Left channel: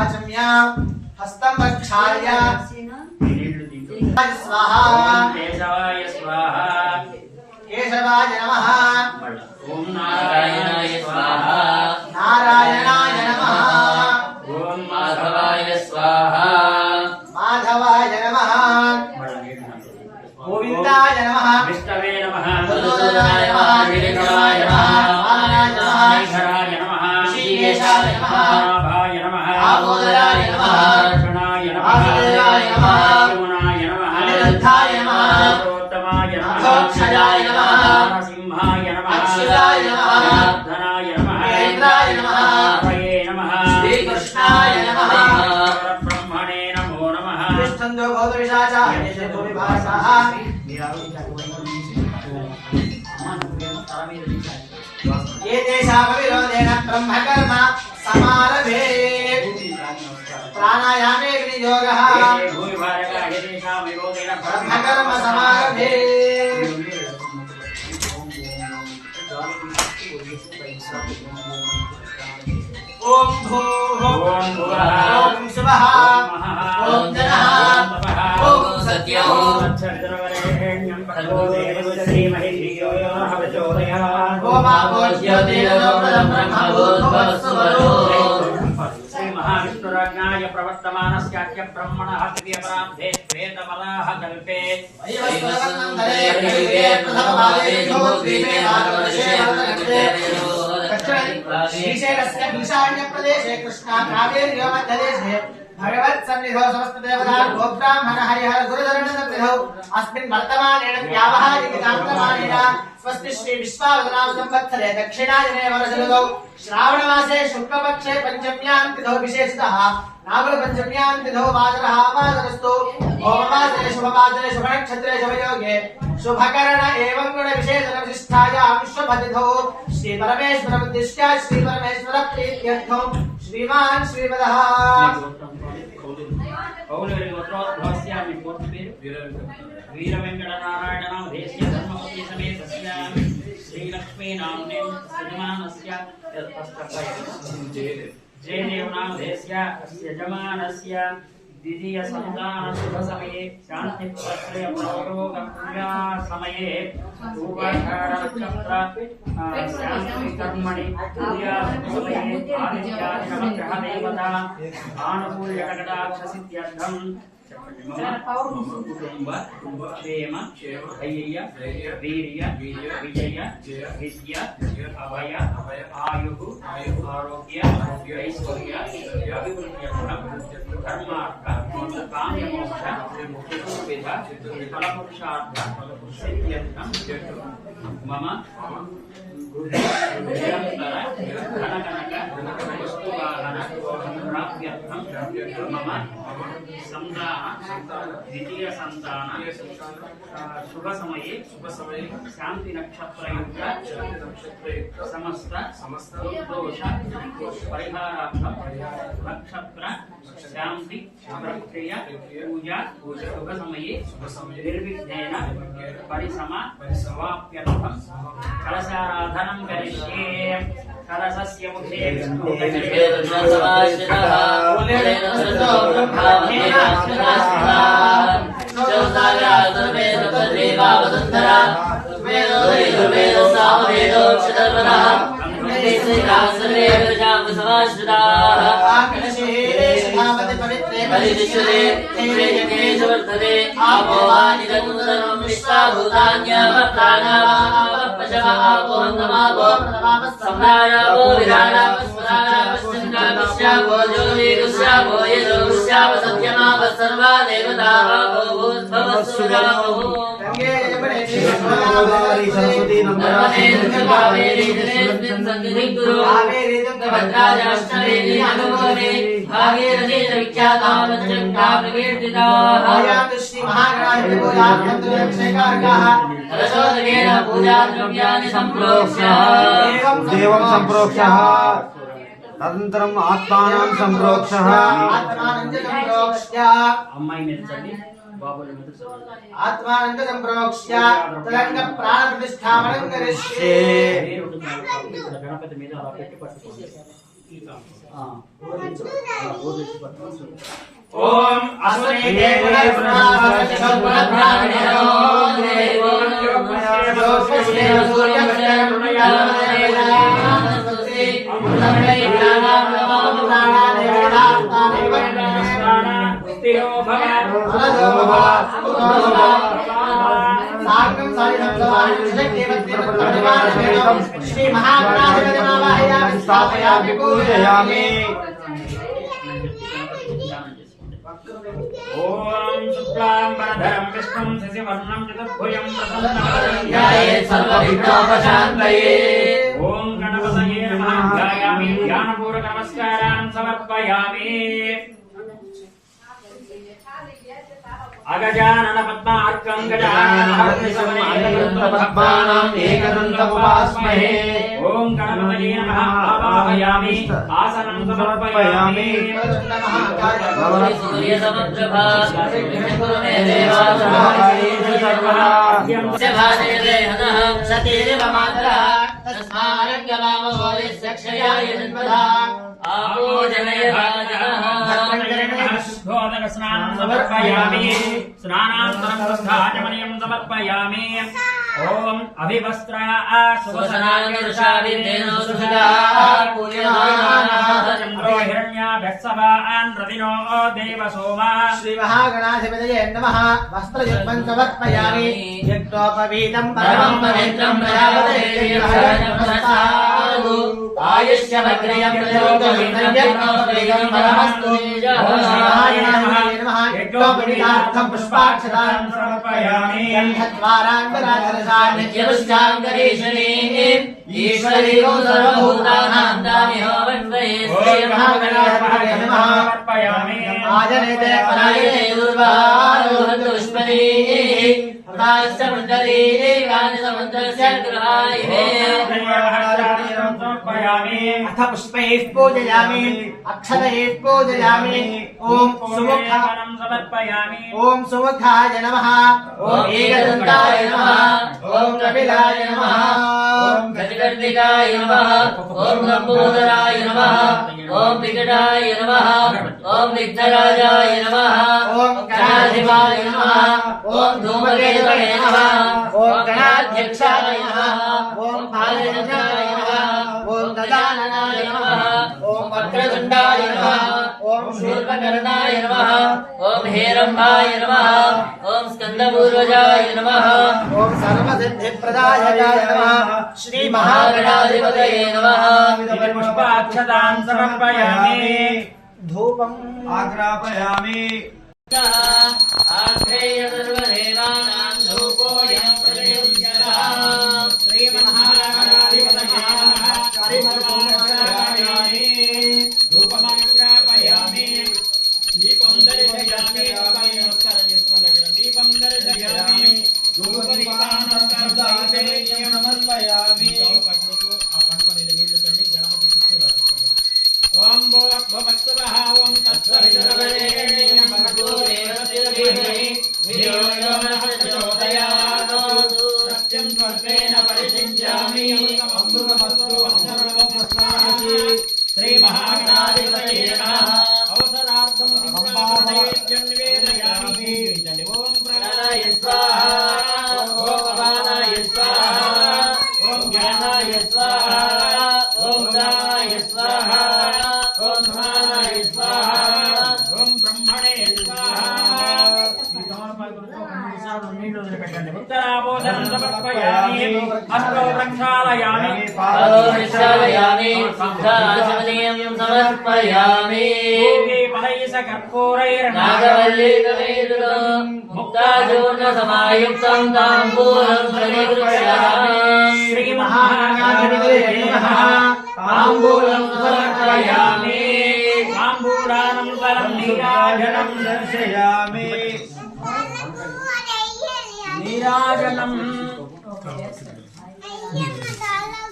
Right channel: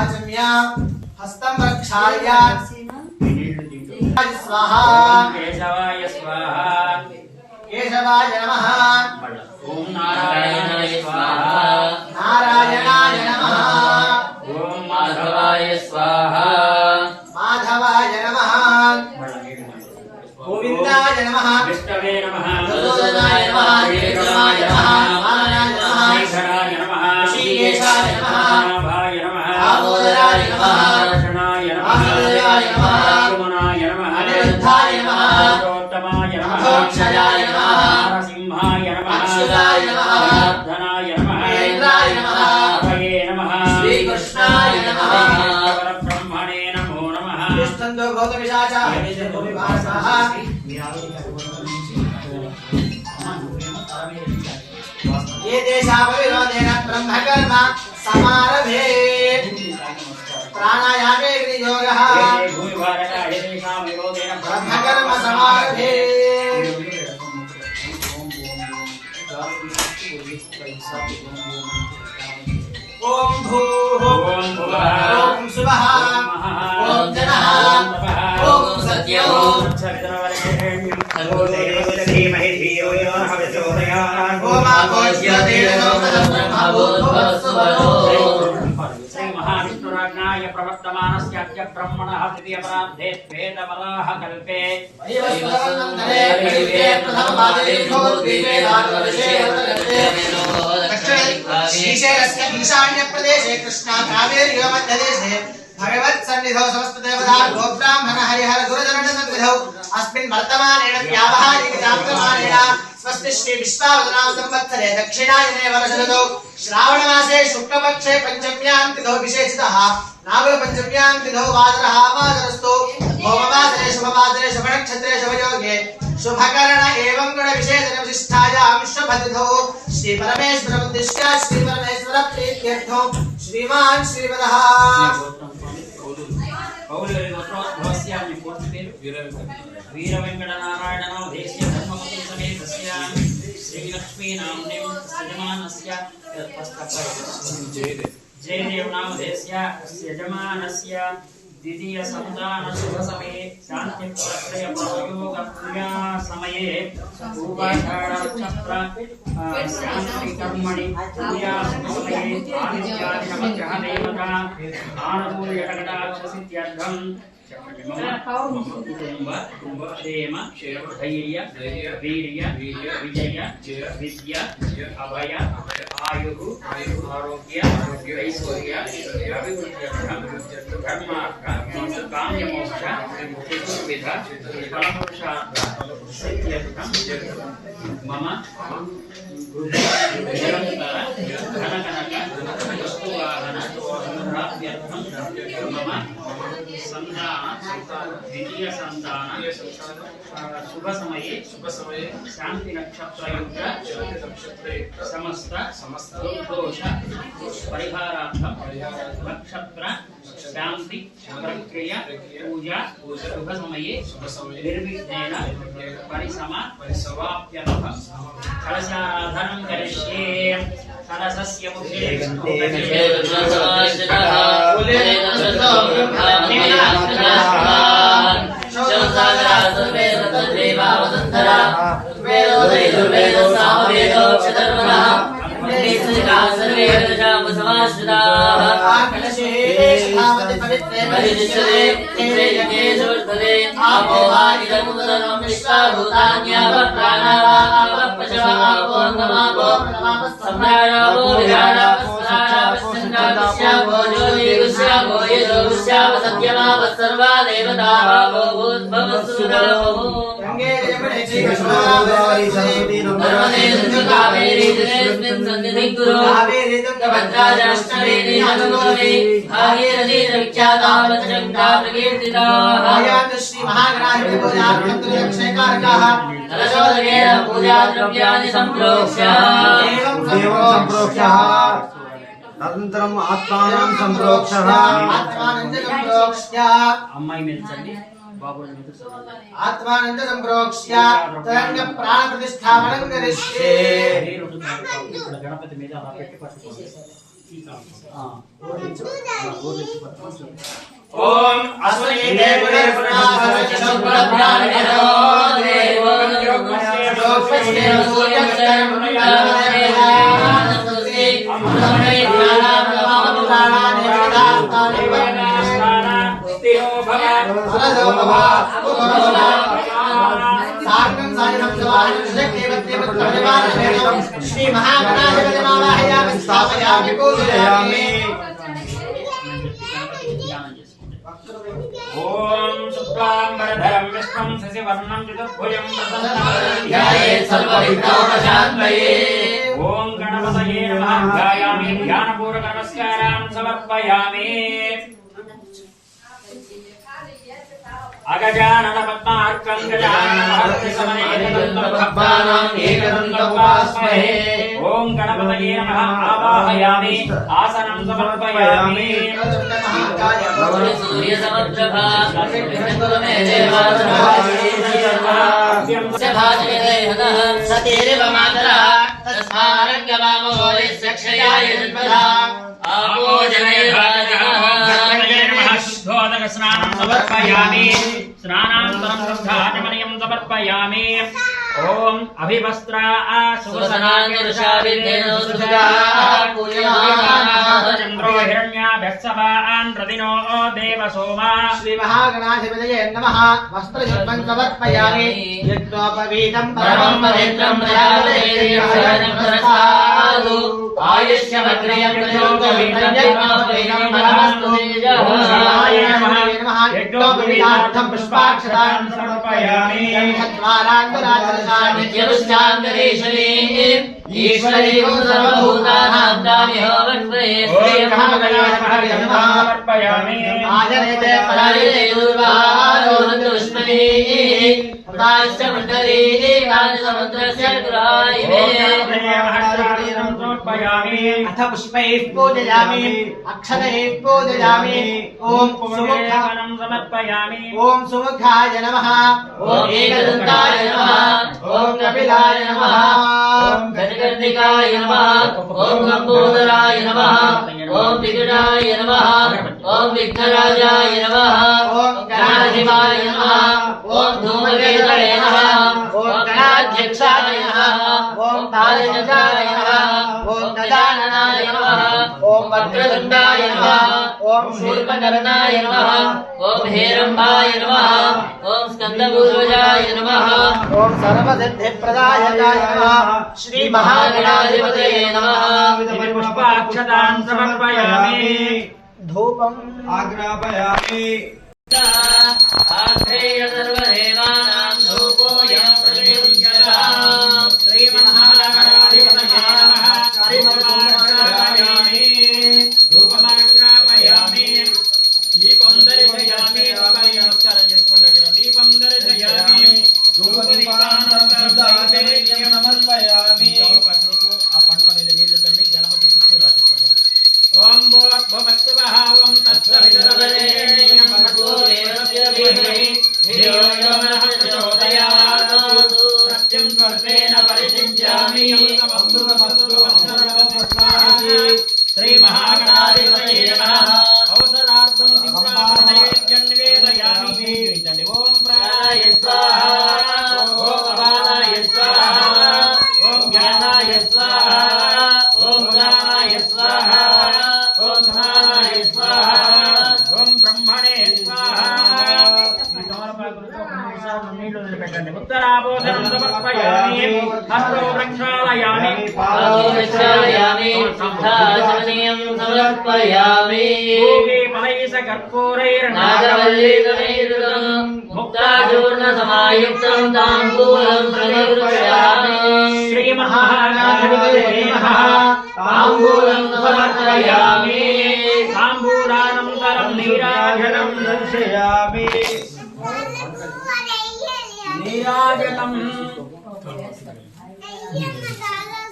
आचम्य हस्तं प्रक्षाल्य स्वाहा केशवाय स्वाहा केशवाय नमः ओम नारायणाय स्वाहा नारायणाय नमः ओम माधवाय स्वाहा माधवाय नमः गोविंदाय नमः विष्णवे नमः मधुसूदनाय नमः नीलकंठाय नमः वामनाय नमः शेखराय नमः ऋषिकेशाय नमः नाभाय नमः दामोदराय नमः दर्शनाय नमः वासुदेवाय नमः यमुनाय नमः अनिरुद्धाय नमः पुरुषोत्तमाय नमः अधोक्षजाय नमः नरसिंहाय नमः अच्युताय नमः धनाय नमः महेन्द्राय नमः हरये नमः श्रीकृष्णाय नमः ब्रह्मणे नमो नमः तिष्ठन्तो भूतविशाचा विभासः ये देशापविरोधेन ब्रह्मकर्म समारभे प्राणायामे विनियोगः ब्रह्मकर्म समारभे ओम भूः ओम भुवः ओम सुवः ओम जनः ओम सत्यो ओम श्री महाविष्णुराज्ञाय प्रवर्तमानस्याद्य ब्रह्मणः तृतीयपरार्धे श्वेतवराह कल्पे वैवस्वतन्त्रे कलियुगे प्रथमपादे भूद्वीपे भागवतशे श्रीशैलस्य ईशान्य प्रदेशे कृष्णा कावेरी मध्यदेशे भगवत् सन्निधौ समस्त देवता गोब्राह्मण हरिहर गुरुचरण सन्निधौ अस्मिन् वर्तमानेन व्यावहारिकतान्तमानेन स्वस्ति श्री विश्वावसुनाम संवत्सरे दक्षिणायने वर्षऋतौ श्रावणमासे शुक्लपक्षे पंचम्यां तिथौ विशेषतः नागपञ्चम्यां तिथौ वासरः वासरस्तु होमवासरे शुभवासरे शुभनक्षत्रे शुभयोगे शुभकर्ण एवं गुण विशेषण विशिष्टायां शुभतिथौ श्री परमेश्वर उद्दिश्य श्री परमेश्वर प्रीत्यर्थं श्रीमान् श्रीवदः पौलुरि गोत्रोद्भवस्यामि पूर्ति वीरवेङ्कटनारायणनाम देशीय धर्मपति समेतस्य श्रीलक्ष्मी नाम्नीं यजमानस्य जयदेव नाम देशीय यजमानस्य द्वितीय संतान शुभ समये शांति प्रत्यय प्रयोग पूजा समये पूर्वाषाढ़ नक्षत्र शांति कर्मणि पूजा समये आदित्यादि नवग्रह देवता आनुकूल्य कटाक्ष सिद्ध्यर्थम कुटुंब क्षेम धैर्य वीर्य विजय विद्या अभय आयु आरोग्य ऐश्वर्य अभिवृद्ध्यर्थम धर्मार्थ काम्यमोक्ष चतुर्विध फलपुरुषार्थ सिद्ध्यर्थम मम निरंतर धनकनक वस्तुवाहन प्राप्त्यर्थम मम संतान द्वितीय संतान शुभ समये शांति नक्षत्र युक्त समस्त दोष परिहारार्थम नक्षत्र शांति प्रक्रिया पूजा शुभ समये निर्विघ्नेन परिसमाप्त्यर्थम कलशाराधनं करिष्ये कलशस्य मुखे तदनन्तरम् आत्मानं सम्प्रोक्ष्य अम्माई मिलचंदी ఆత్మానంద సంప్రోక్ష్య తరంగ ప్రాణ ప్రతిష్ఠాపనం కరిష్యే. గణపతి మీద అలా పెట్టి పట్టుకోండి. ఓం అస్మై దేవే పునాసరస్య సద్గుణప్రాణినో దేవో యోగస్య సూర్యస్య పుణ్యానమస్తే అమృతమై జ్ఞానామృతమృతానాని వేదాస్తాని వర్ణాస్తానా స్థిరో భవ సురదో భవ సాంగం సాయిరం సవాహి శక్తివత్తి పద్మనివాస శ్రీ మహాగణాధిపతి మావాహయామి స్థాపయామి పూజయామి. ఓం శుక్లాంబరధరం విష్ణుం శశివర్ణం చతుర్భుజం ప్రసన్నవదనం ధ్యాయేత్ సర్వవిఘ్నోపశాంతయే. ఓం గణపతయే నమః. ధ్యాయామి ధ్యానపూర్వక నమస్కారాన్ సమర్పయామి. అగజానన పద్మార్కం గజానన మహర్నిశమనేకదంతం ఏకదంతముపాస్మహే. ఓం గణపతయే నమః. ఆవాహయామి ఆసనం సమర్పయామి. సూర్యసముద్రభా సతీరివ మాతరః తస్మారంగమామో యస్యక్షయాయ జన్మదా శుద్ధోదక స్నానం సమర్పయామి. స్నానానంతరం శుద్ధాచమనీయం సమర్పయామి. ఓం అభివస్త్ర చంద్రో హిరణ్యాభ్యస్సవాన్ రతినో దేవ సోమా. శ్రీ మహాగణాధిపతయే నమః. వస్త్రయుగ్మం సమర్పయామి. యజ్ఞోపవీతం పరమం పవిత్రం ప్రజాపతేర్యః ఆయుష్యమగ్రయం ప్రయోగవిద్యం పరమస్తు. యజ్ఞోపవీతార్థం పుష్పాక్షతాన్ సమర్పయామి. నిత్యపుష్టాంతరేశ్వరీ ఈశ్వరీ సర్వభూతానాం దామ్యో వన్వయే శ్రీ మహాగణాధిపతయే నమః. సమర్పయామి. ఆజనేతే పరాయతే దుర్వారోహంతు పుష్పరీ ప్రకాశమండలీ గానసముద్రస్య గృహాయినే. అథ పుష్పైః పూజయామి. అక్షతైః పూజయామి. ఓం ఓం సుముఖాయ నమః. ఓం ఏకదంతాయ నమః. ఓం కపిలాయ నమః. ఓం గజగర్ణికాయ నమః. ఓం లంబోదరాయ నమః. ఓం వికటాయ నమః. ఓం విఘ్నరాజాయ నమః. ఓం గణాధిపాయ నమః. ఓం ధూమకేతవే నమః. ఓం గణాధ్యక్షాయ నమః. ఓం పాలనకాయ నమః. ఓం గజాననాయ నమః. ఓం వక్రతుండాయ నమః. ఓం శూర్పకర్ణాయ నమః. ఓం హేరంబాయ నమః. ఓం స్కందపూర్వజాయ నమః. ఓం సర్వసిద్ధిప్రదాయకాయ నమః. శ్రీ మహాగణాధిపతయే నమః. పుష్పాక్షతాన్ సమర్పయామి. ధూపం ఆగ్రాపయామి. ఆగ్రేయ సర్వదేవానాం ధూపోయం ప్రతియుజ్యతాం. శ్రీమన్నారాయణాధిపతయే నమః. శ్రీమన్నారాయణాయ ధూపమాగ్రాపయామి. దీపం దర్శయామి. నమస్కారం చేసుకోండి. అక్కడ దీపం దర్శయామి. సమర్పయామి. ఆ పంట అనేది నీళ్లు తల్లి గణపతి శిక్షగా చెప్పండి. ఓం భోవస్వః. ఓం తత్సవితుర్వరేణ్యం భర్గో దేవస్య ధీమహి ధియో యో నః ప్రచోదయాత్. సత్యం స్వర్గేణ పరిశించామి. అమృతమస్తు అక్షరమస్తు. శ్రీ మహాగణాధిపతయే నమః. అవసరార్థం సింహాసనైవేద్యం నివేదయామి. ఓం ప్రాణాయ స్వాహా. ఓం అపానాయ స్వాహా. ఓం జ్ఞానాయ స్వాహా. ఓం గానాయ స్వాహా. ఓం సమానాయ స్వాహా. ఓం బ్రహ్మణే స్వాహా. ఈ తమలపాకులతో 3 సార్లు నీళ్లు వదిలిపెట్టండి. ఉత్తరాభోజనం సమర్పయామి. హస్తో ప్రక్షాళయామి. ఆరోగ్యాయామి. సిద్ధాచమనీయం సమర్పయామి. భూమి ఫలైస కర్పూరైర్నాగ నాగవల్లీకరైరులం ముక్తాచూర్ణ సమాయుక్తం తాంబూలం సమర్పయామి. శ్రీ మహాగణాధిపతయే నమః. తాంబూలం సమర్పయామి. తాంబూలానంతరం నీరాజనం దర్శయామి. నీరాజనం